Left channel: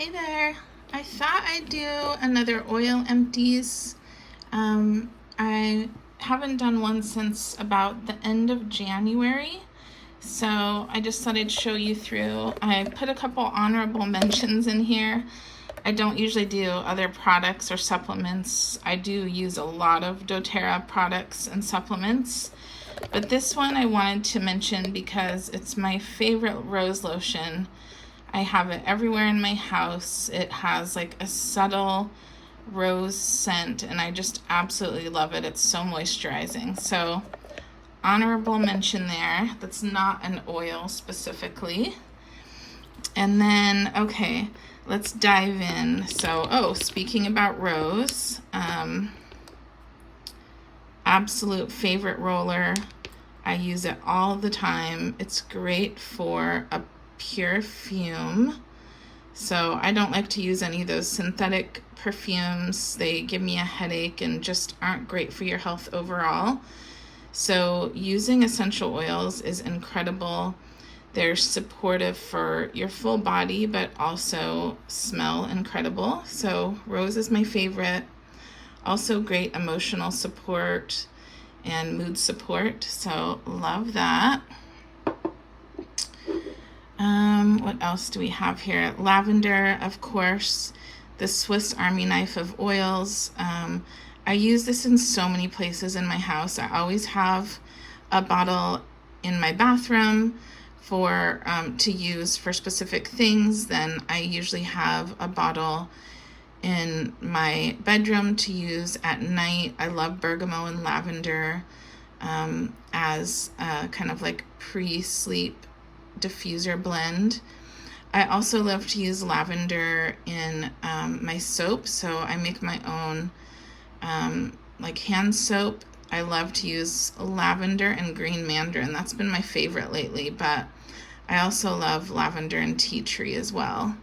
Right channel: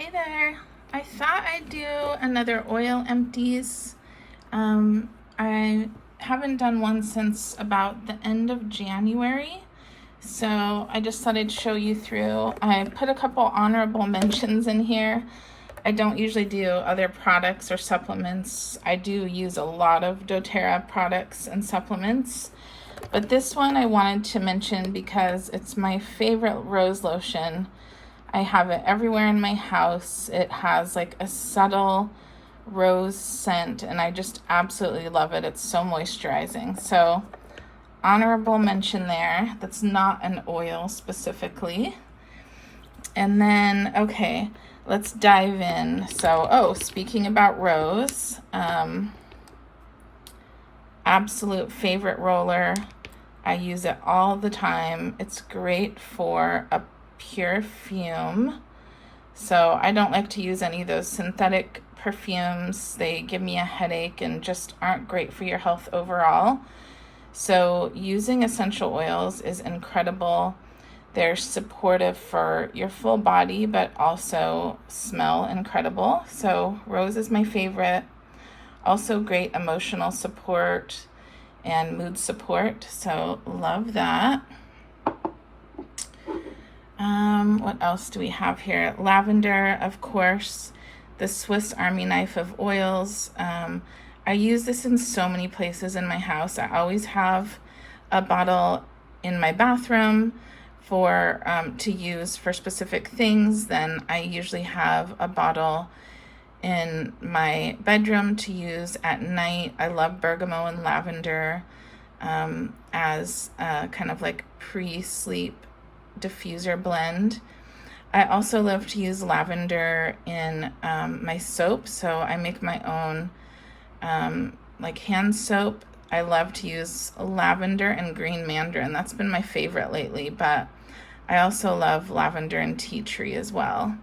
Hey there. I thought I'd do another oil empties. I haven't done one since about the end of January, so I just thought I'd show you through. I put a couple honorable mentions in here. I don't usually do other products or supplements. I do use a lot of doTERRA products and supplements, but this one I wanted to mention because it's my favorite rose lotion. I have it everywhere in my house. It has like a subtle rose scent and I just absolutely love it. It's so moisturizing. So honorable mention there. That's not an oil specifically. And then, okay, let's dive in. So, speaking about rose, absolute favorite roller. I use it all the time. It's great for a perfume. So I don't like to use any of those synthetic perfumes. They give me a headache and just aren't great for your health overall. So using essential oils is incredible. They're supportive for your full body, but also smell incredible. So rose is my favorite. Also great emotional support and mood support. So love that. What else do we have here? Lavender, of course, the Swiss Army knife of oils. I use this in so many places in my house. I always have a bottle in my bathroom for to use for specific things. Then I usually have a bottle in my bedroom to use at night. I love bergamot and lavender as a kind of like pre-sleep diffuser blend. I also love to use lavender in my soap, so I make my own like hand soap. I love to use lavender and green mandarin. That's been my favorite lately, but I also love lavender and tea tree as well.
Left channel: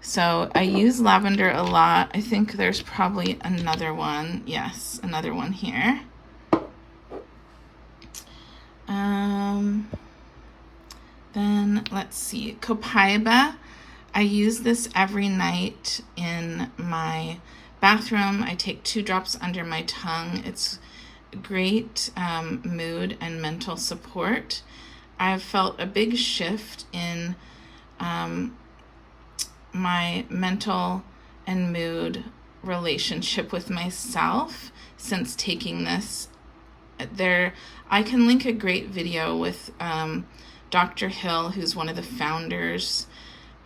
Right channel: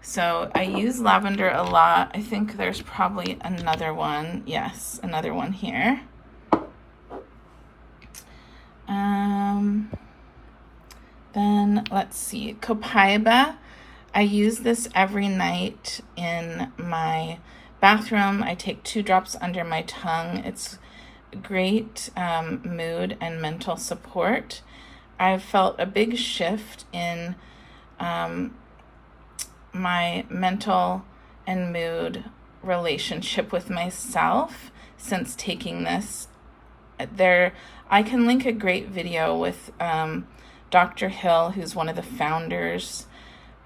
So I use lavender a lot. I think there's probably another one. Yes, another one here. Then let's see, Copaiba. I use this every night in my bathroom. I take 2 drops under my tongue. It's great mood and mental support. I've felt a big shift in my mental and mood relationship with myself since taking this. I can link a great video with Dr. Hill, who's one of the founders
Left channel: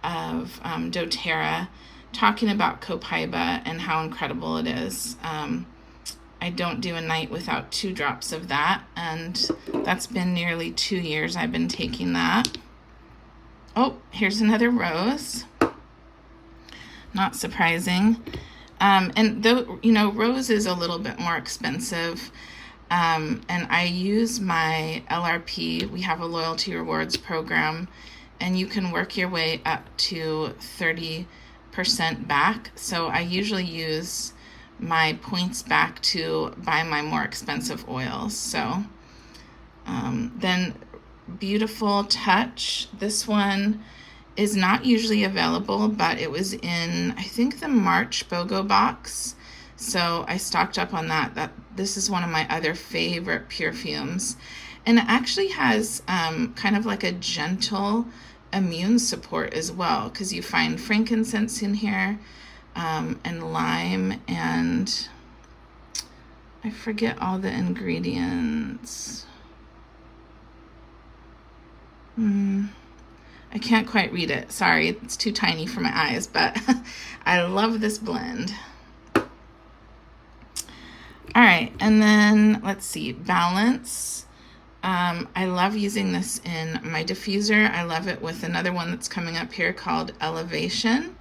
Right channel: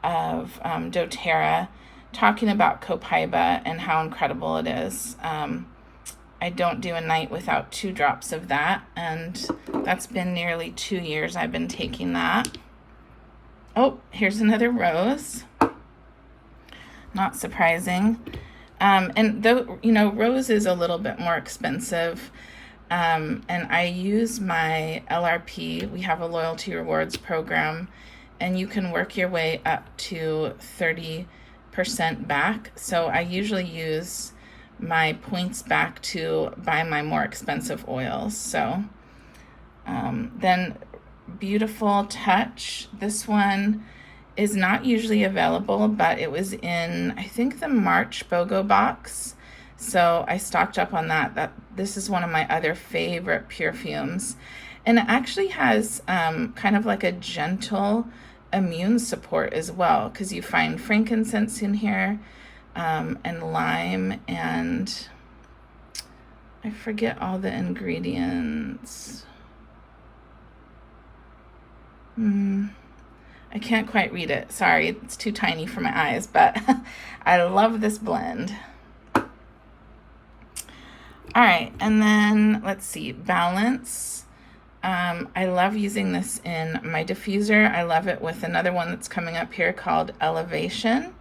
of doTERRA, talking about Copaiba and how incredible it is. I don't do a night without 2 drops of that, and that's been nearly 2 years I've been taking that. Oh, here's another rose. Not surprising. And though, rose is a little bit more expensive. And I use my LRP. We have a loyalty rewards program, and you can work your way up to 30% back. So I usually use my points back to buy my more expensive oils. So then Beautiful Touch. This one is not usually available, but it was in, I think, the March BOGO box. So I stocked up on that. This is one of my other favorite perfumes. And it actually has kind of like a gentle immune support as well, because you find frankincense in here and lime, and I forget all the ingredients. I can't quite read it. Sorry, it's too tiny for my eyes, but I love this blend. All right, and then let's see, Balance. I love using this in my diffuser. I love it with another one that's coming up here called Elevation.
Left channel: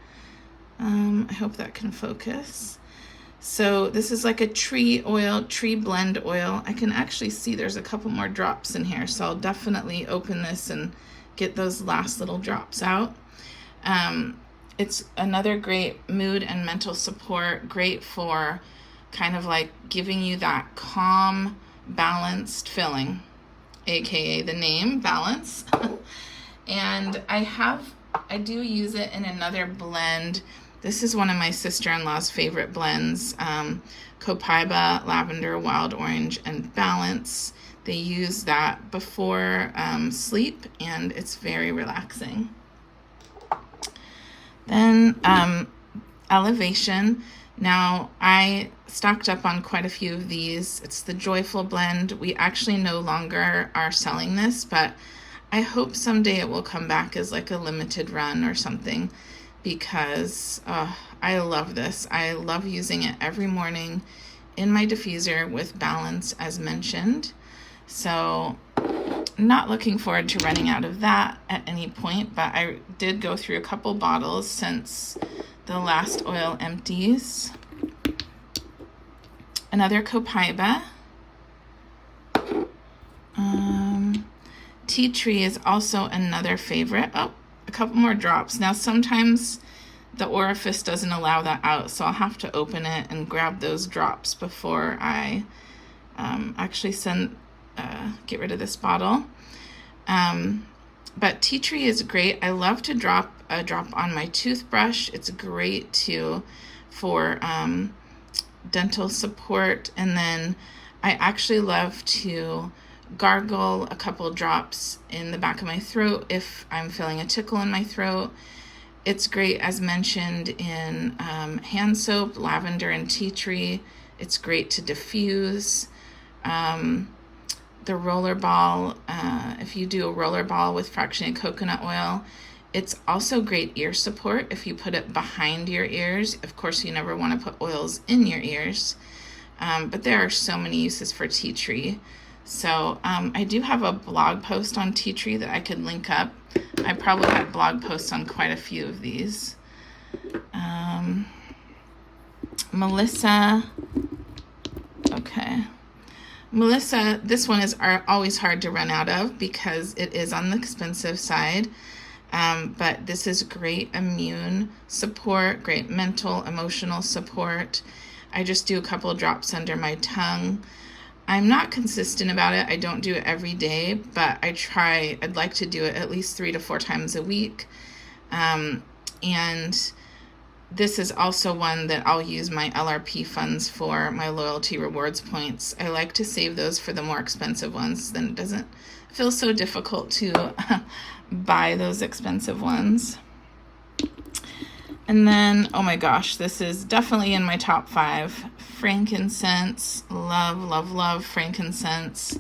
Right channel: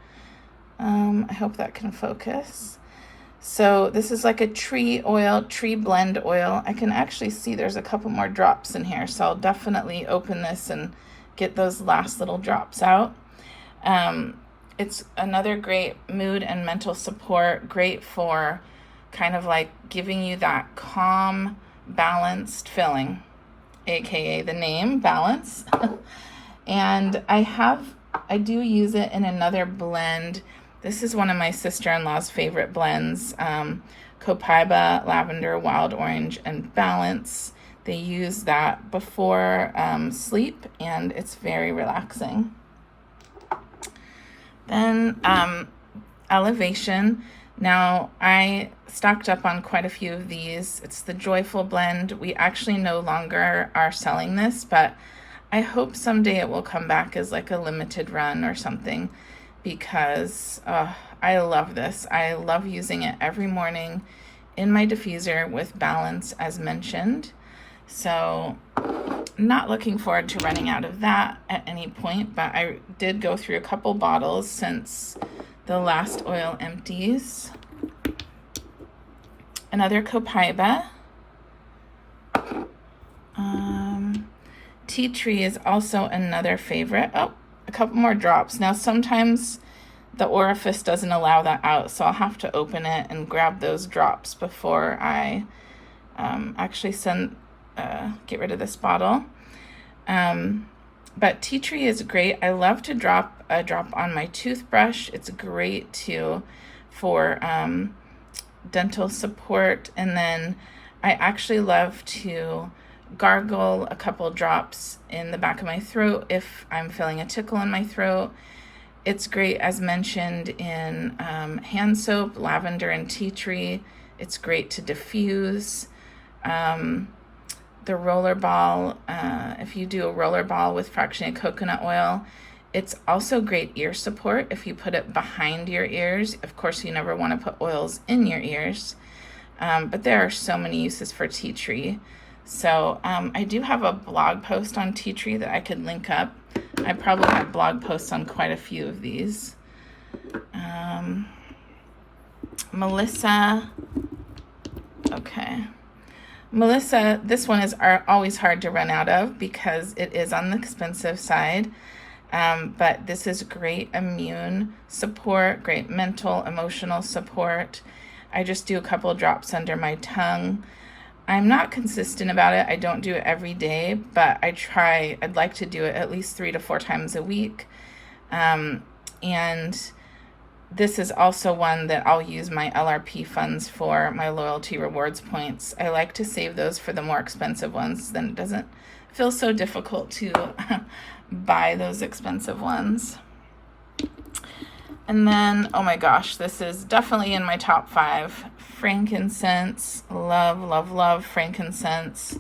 I hope that can focus. So this is like a tree blend oil. I can actually see there's a couple more drops in here, so I'll definitely open this and get those last little drops out. It's another great mood and mental support, great for kind of like giving you that calm, balanced feeling, aka the name, Balance. And I have I do use it in another blend. This is one of my sister-in-law's favorite blends, Copaiba, Lavender, Wild Orange, and Balance. They use that before sleep, and it's very relaxing. Then Elevation. Now, I stocked up on quite a few of these. It's the Joyful blend. We actually no longer are selling this, but I hope someday it will come back as like a limited run or something, because I love this. I love using it every morning in my diffuser with Balance, as mentioned. So I'm not looking forward to running out of that at any point, but I did go through a couple bottles since the last oil empties. Another Copaiba. Tea Tree is also another favorite. Oh, a couple more drops. Now sometimes the orifice doesn't allow that out, so I'll have to open it and grab those drops before I actually get rid of this bottle. But Tea Tree is great. I love to drop a drop on my toothbrush. It's great for dental support. And then I actually love to gargle a couple drops in the back of my throat if I'm feeling a tickle in my throat. It's great, as mentioned, in hand soap, lavender and tea tree. It's great to diffuse. The roller ball, if you do a roller ball with fractionated coconut oil, it's also great ear support if you put it behind your ears. Of course, you never want to put oils in your ears, but there are so many uses for tea tree. So I do have a blog post on tea tree that I could link up. I probably have blog posts on quite a few of these. Melissa. Okay. Melissa, this one is always hard to run out of because it is on the expensive side. But this is great immune support, great mental, emotional support. I just do a couple of drops under my tongue. I'm not consistent about it. I don't do it every day, but I try. I'd like to do it at least 3 to 4 times a week. And this is also one that I'll use my LRP funds for, my loyalty rewards points. I like to save those for the more expensive ones, then it doesn't feel so difficult to buy those expensive ones. And then, oh my gosh, this is definitely in my top 5. Frankincense. Love, love, love frankincense.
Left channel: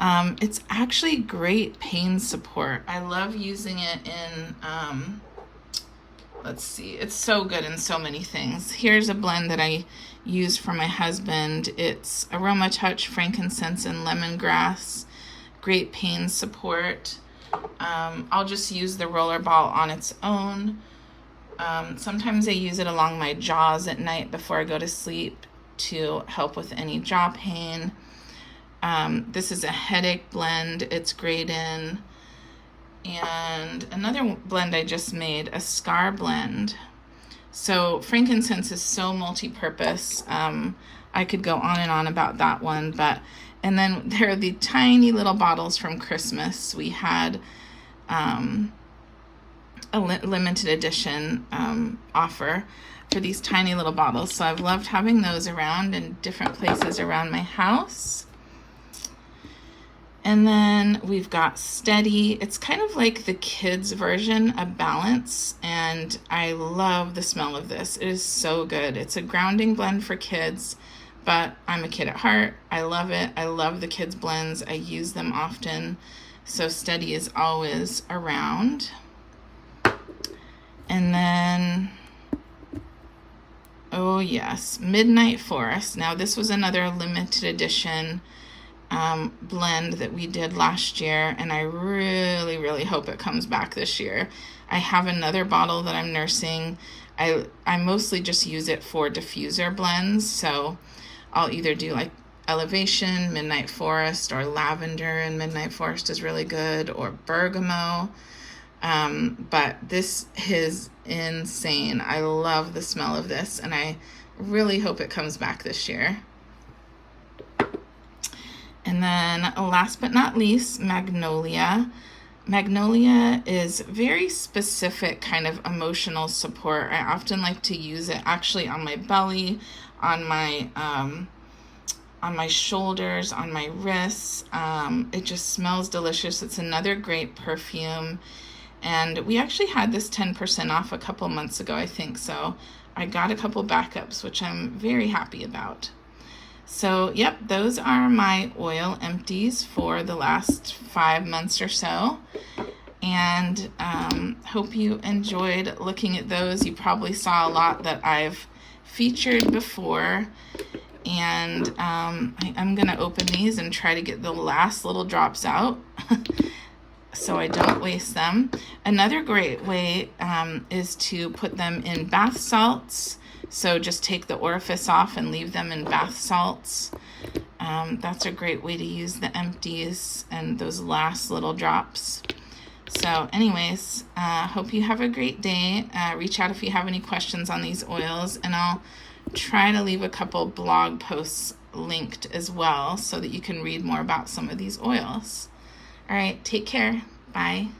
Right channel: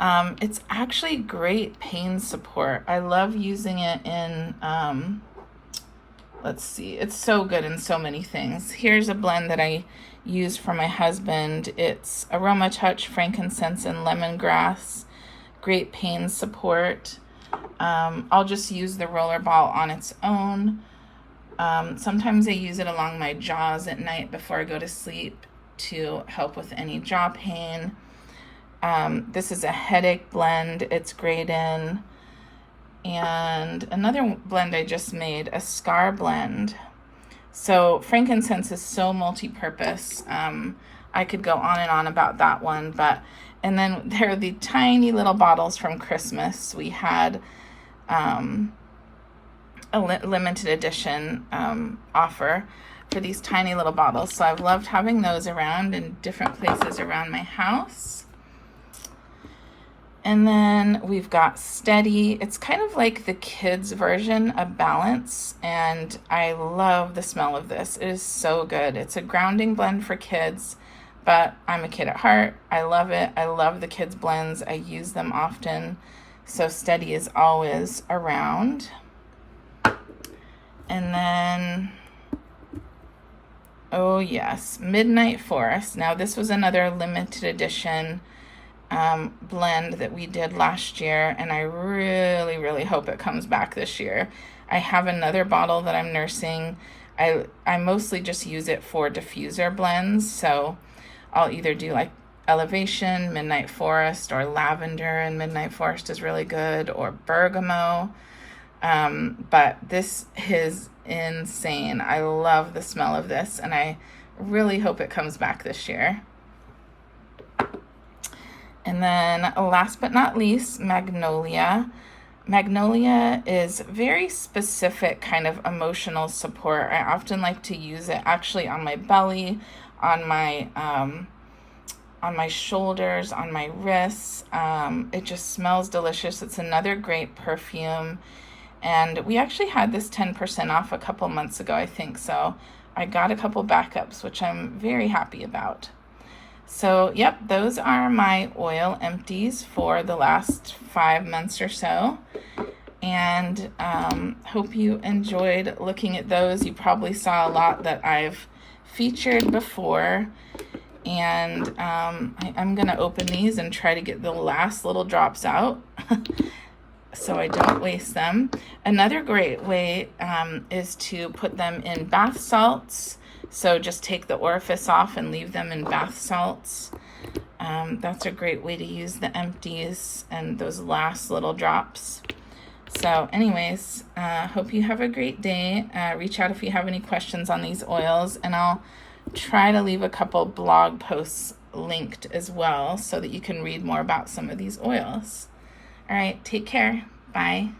It's actually great pain support. I love using it in, let's see, it's so good in so many things. Here's a blend that I use for my husband. It's Aromatouch, frankincense, and lemongrass. Great pain support. I'll just use the roller ball on its own. Sometimes I use it along my jaws at night before I go to sleep to help with any jaw pain. This is a headache blend. It's great in. And another blend I just made, a scar blend. So frankincense is so multi-purpose. I could go on and on about that one, and then there are the tiny little bottles from Christmas. We had a limited edition offer for these tiny little bottles. So I've loved having those around in different places around my house. And then we've got Steady. It's kind of like the kids version of Balance, and I love the smell of this. It is so good. It's a grounding blend for kids, but I'm a kid at heart. I love it. I love the kids blends. I use them often. So Steady is always around. And then, oh yes, Midnight Forest. Now this was another limited edition blend that we did last year, and I really, really hope it comes back this year. I have another bottle that I'm nursing. I mostly just use it for diffuser blends, so I'll either do like Elevation, Midnight Forest, or Lavender, and Midnight Forest is really good, or Bergamot. But this is insane. I love the smell of this, and I really hope it comes back this year. And then last but not least, Magnolia. Magnolia is very specific kind of emotional support. I often like to use it actually on my belly, on my shoulders, on my wrists. It just smells delicious. It's another great perfume. And we actually had this 10% off a couple months ago, I think. So I got a couple backups, which I'm very happy about. So, yep, those are my oil empties for the last 5 months or so. And hope you enjoyed looking at those. You probably saw a lot that I've featured before. And I'm going to open these and try to get the last little drops out so I don't waste them. Another great way is to put them in bath salts. So just take the orifice off and leave them in bath salts. That's a great way to use the empties and those last little drops. So anyways, hope you have a great day. Reach out if you have any questions on these oils, and I'll try to leave a couple blog posts linked as well so that you can read more about some of these oils. All right, take care. Bye.